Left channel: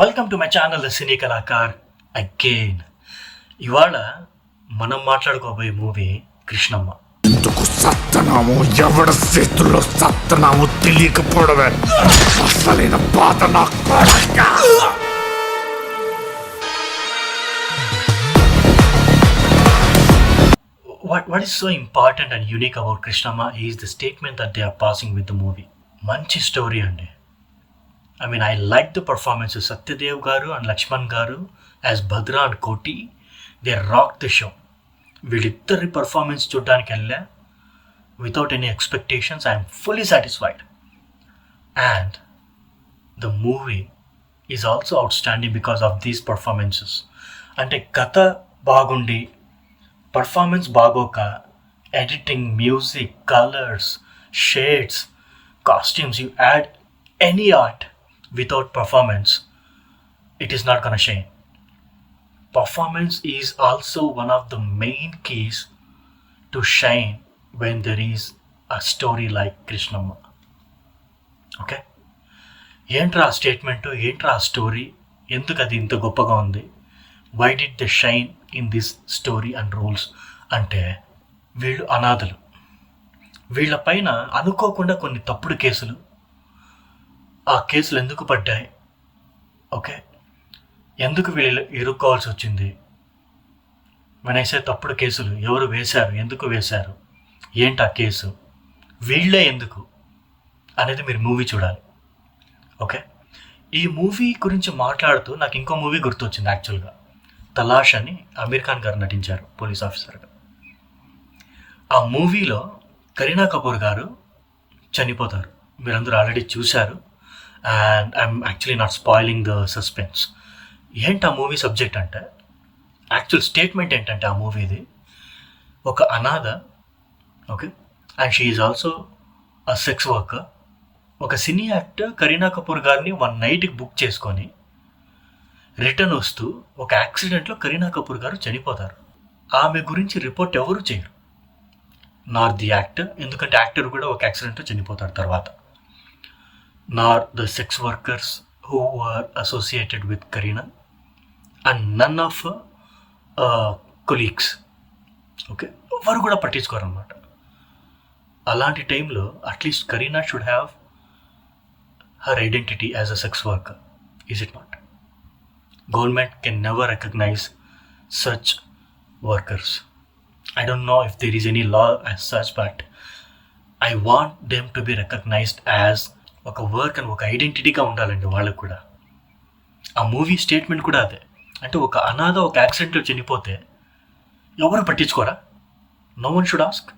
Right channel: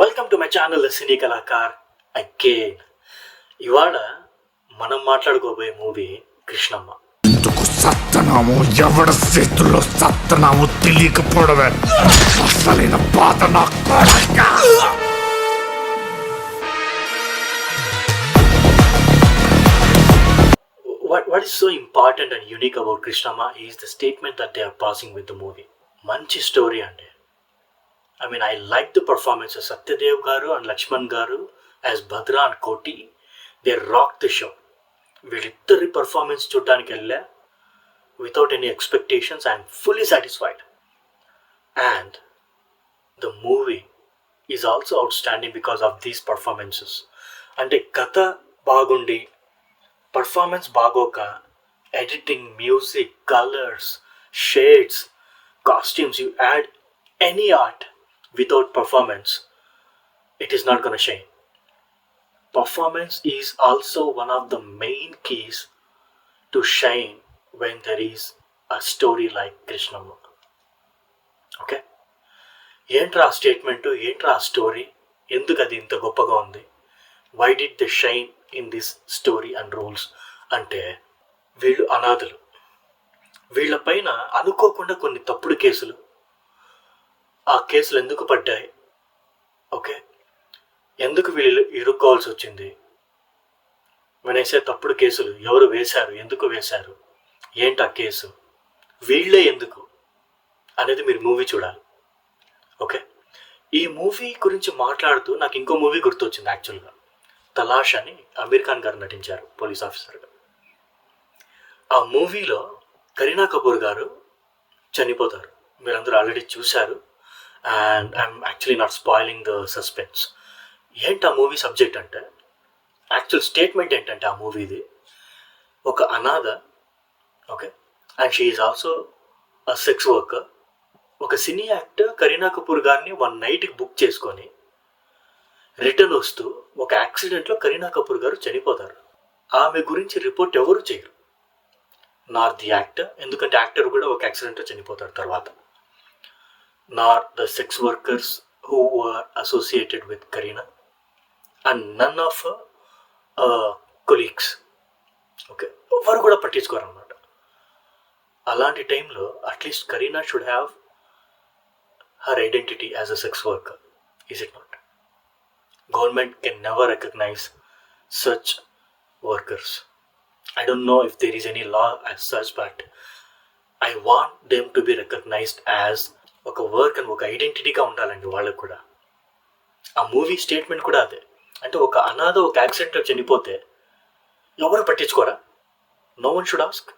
Welcome to my channel the cine Kalakar again. ఇవాళ మనం మాట్లాడుకోబోయే movie Krishnamma. ఎందుకు సత్తనాము ఎవడి చేతుల్లో సత్తనాము తెలియకపోవడమే అసలైన బాధ నా కొడక. What is so important and unique about Krishnamma is the statement that they are passing with the movie. మంచి స్టోరీ అండి. I like the performances. Satyadev garu and Lakshman garu as Bhadra and Koti, they rocked the show. వీళ్ళిద్దరి performance చూడడానికి వెళ్ళా without any expectations. I am fully satisfied. And the movie is also outstanding because of these performances. అంటే కథ బాగుండి performance బాగోక editing, music, colours, shades, costumes, you add any art without performance, it is not gonna shine. Performance is also one of the main keys to shine when there is a story like Krishnamma. Okay? ఏంట్రా ఆ statement, ఏంట్రా ఆ story, ఎందుకు అది ఇంత గొప్పగా ఉంది, why did they shine in this story and roles అంటే, వీళ్ళు అనాథలు. వీళ్ళపైన అనుకోకుండా కొన్ని తప్పుడు కేసులు, ఆ కేసులు ఎందుకు పడ్డాయి, ఓకే, ఎందుకు వీళ్ళు ఇరుక్కోవాల్సి వచ్చింది, వినేసే తప్పుడు కేసులు ఎవరు వేశారు, ఎందుకు వేశారు, ఏంటి ఆ కేసు, వీళ్ళే ఎందుకు అనేది మీరు మూవీ చూడాలి. ఓకే, ఈ మూవీ గురించి మాట్లాడుతూ నాకు ఇంకో మూవీ గుర్తొచ్చింది. యాక్చువల్గా తలాష్ అని అమీర్ ఖాన్ గారు నటించారు పోలీస్ ఆఫీసర్గా. ఆ మూవీలో కరీనా కపూర్ గారు చనిపోతారు. మీరందరూ ఆల్రెడీ చూశారు. And I'm actually not spoiling the suspense. ఏంటి ఆ మూవీ సబ్జెక్ట్ అంటే, యాక్చువల్ స్టేట్మెంట్ ఏంటంటే ఆ మూవీది, ఒక అనాథ, okay, and she is also a sex worker. ఒక సినీ యాక్టర్ కరీనా కపూర్ గారిని వన్ నైట్కి బుక్ చేసుకొని రిటర్న్ వస్తూ ఒక యాక్సిడెంట్లో కరీనా కపూర్ గారు చనిపోతారు. ఆమె గురించి రిపోర్ట్ ఎవరు చేయరు, నార్ ది యాక్టర్, ఎందుకంటే యాక్టర్ కూడా ఒక యాక్సిడెంట్లో చనిపోతారు తర్వాత, nor the sex workers who are associated with Kareena, and none of colleagues. Okay, ఎవరు కూడా పట్టించుకోరు అనమాట. అలాంటి టైంలో at least Kareena should have her identity as a sex worker, is it not? Government can never recognize such workers. I don't know if there is any law as such, but I want them to be recognized as ఒక work and ఒక ఐడెంటిటీగా ఉండాలండి వాళ్ళకు కూడా. ఆ movie statement కూడా అదే. అంటే ఒక అనాథ ఒక యాక్సిడెంట్లో చనిపోతే ఎవరు పట్టించుకోరా, no one should ask,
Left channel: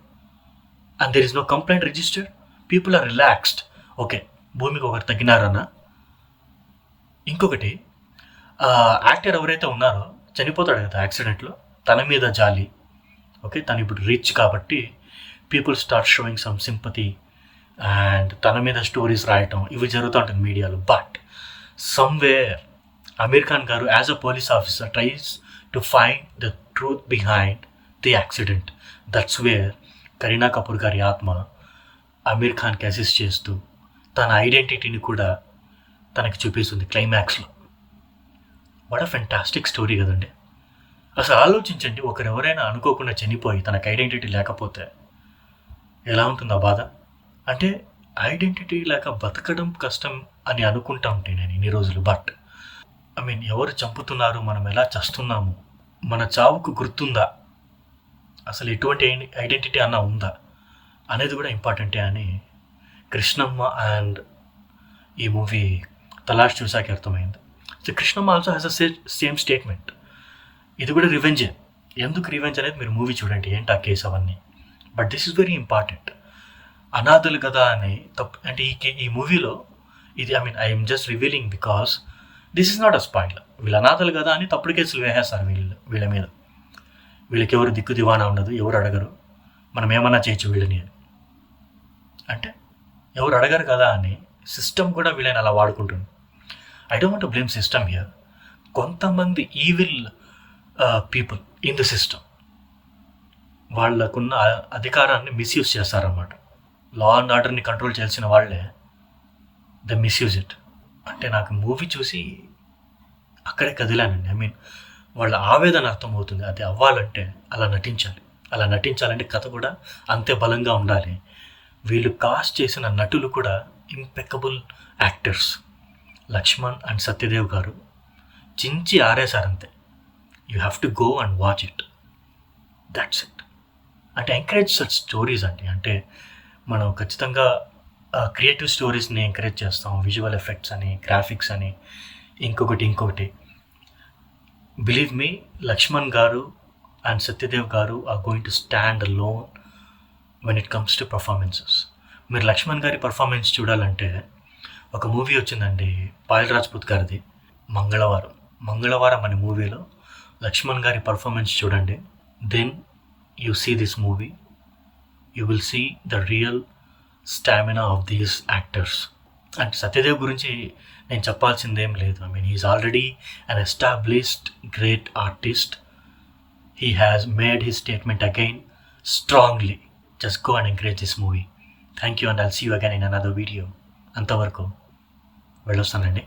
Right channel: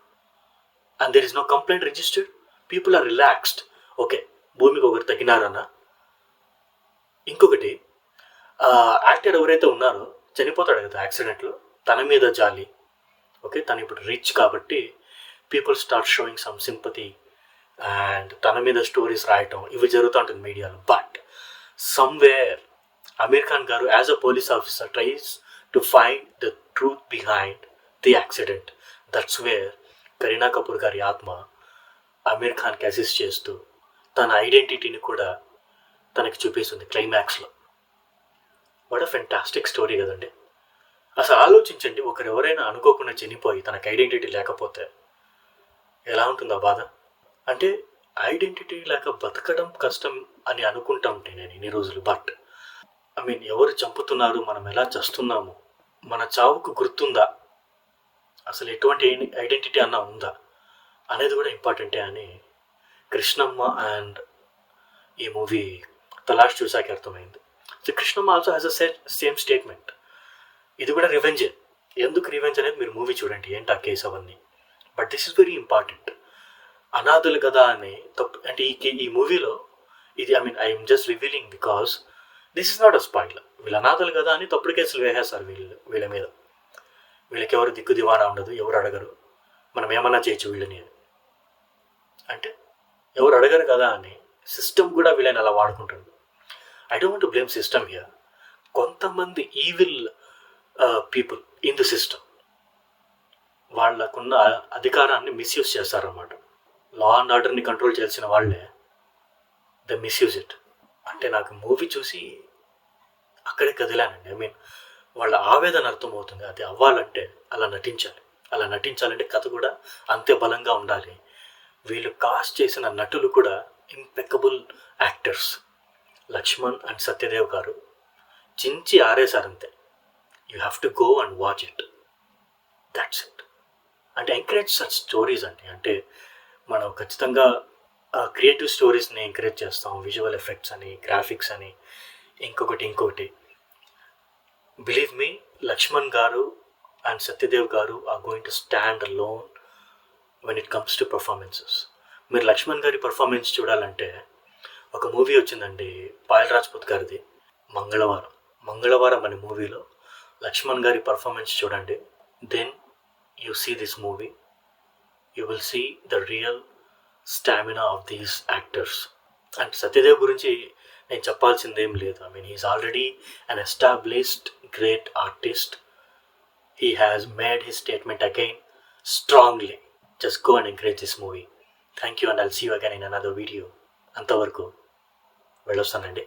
and there is no complaint registered, people are relaxed. Okay, భూమికి ఒకరు తగ్గినారన్న. ఇంకొకటి, యాక్టర్ ఎవరైతే ఉన్నారో చనిపోతాడు కదా యాక్సిడెంట్లో, తన మీద జాలి. ఓకే, తను ఇప్పుడు రిచ్ కాబట్టి people start sowing some sympathy and తన మీద స్టోరీస్ రాయటం, ఇవి జరుగుతూ ఉంటుంది మీడియాలో. బట్ సమ్వేర్ అమీర్ ఖాన్ గారు as a police officer tries to find the truth behind the accident. That's where Kareena Kapoor గారి ఆత్మ అమీర్ ఖాన్కి అసిస్ట్ చేస్తూ తన ఐడెంటిటీని కూడా తనకి చూపిస్తుంది క్లైమాక్స్లో. వాట్ అ ఫెంటాస్టిక్ స్టోరీ కదండి. అసలు ఆలోచించండి, ఒకరెవరైనా అనుకోకుండా చనిపోయి తనకు ఐడెంటిటీ లేకపోతే ఎలా ఉంటుందో బాధ. అంటే ఐడెంటిటీ లేక బతకడం కష్టం అని అనుకుంటా ఉంటే నేను ఇన్ని రోజులు. బట్ ఎవరు చంపుతున్నారు, మనం ఎలా చస్తున్నాము, మన చావుకు గుర్తుందా, అసలు ఎటువంటి ఐడెంటిటీ అన్నా ఉందా అనేది కూడా ఇంపార్టెంటే అని కృష్ణమ్మ అండ్ ఈ మూవీ తలాష్ చూసాక అర్థమైంది. So Krishnamma also has a same statement. ఇది కూడా రివెంజే. ఎందుకు రివెంజ్ అనేది మీరు మూవీ చూడండి, ఏంటి ఆ కేసు అవన్నీ. But this is very important. అనాథులు కదా అని తప్పు అంటే ఈ మూవీలో ఇది I'm just revealing because this is not a spoil. వీళ్ళు అనాథులు కదా అని తప్పుడు కేసులు వేసేస్తారు వీళ్ళ మీద. వీళ్ళకి ఎవరు దిక్కు దివానా ఉండదు, ఎవరు అడగరు, మనం ఏమన్నా చేయొచ్చు వీళ్ళని అని. అంటే ఎవరు అడగరు కదా అని సిస్టమ్ కూడా వీళ్ళని అలా వాడుకుంటుంది. I don't want to blame system here. కొంతమంది evil people in the system వాళ్ళకున్న అధికారాన్ని మిస్యూజ్ చేస్తారన్నమాట. లా అండ్ ఆర్డర్ని కంట్రోల్ చేయాల్సిన వాళ్ళే ద మిస్యూజ్ ఇట్. అంటే నాకు మూవీ చూసి అక్కడే కదిలానండి. ఐ మీన్ వాళ్ళ ఆవేదన అర్థమవుతుంది. అది అవ్వాలంటే అలా నటించాలి. అలా నటించాలంటే కథ కూడా అంతే బలంగా ఉండాలి. వీళ్ళు కాస్ట్ చేసిన నటులు కూడా impeccable actors. Lakshman and Satyadev garu చించి ఆరేశారంతే. You have to go and watch it. That's it. అంటే ఎంకరేజ్ సచ్ స్టోరీస్ అండి. అంటే మనం ఖచ్చితంగా క్రియేటివ్ స్టోరీస్ని ఎంకరేజ్ చేస్తాం. విజువల్ ఎఫెక్ట్స్ అని, గ్రాఫిక్స్ అని, ఇంకొకటి. Believe me, Lakshman garu and Satyadev garu are going to stand alone when it comes to performances. మీరు లక్ష్మణ్ గారి పర్ఫార్మెన్స్ చూడాలంటే ఒక మూవీ వచ్చిందండి పాయల్ రాజ్పుత్ గారిది, మంగళవారం అనే మూవీలో లక్ష్మణ్ గారి పర్ఫార్మెన్స్ చూడండి. Then you see this movie, you will see the real stamina of these actors. And Satyadev గురించి నేను చెప్పాల్సిందేం లేదు. I mean he's already an established great artist. He has made his statement again strongly. Just go and encourage this movie. Thank you, and I'll see you again in another video. అంతవరకు వెళ్ళొస్తానండి.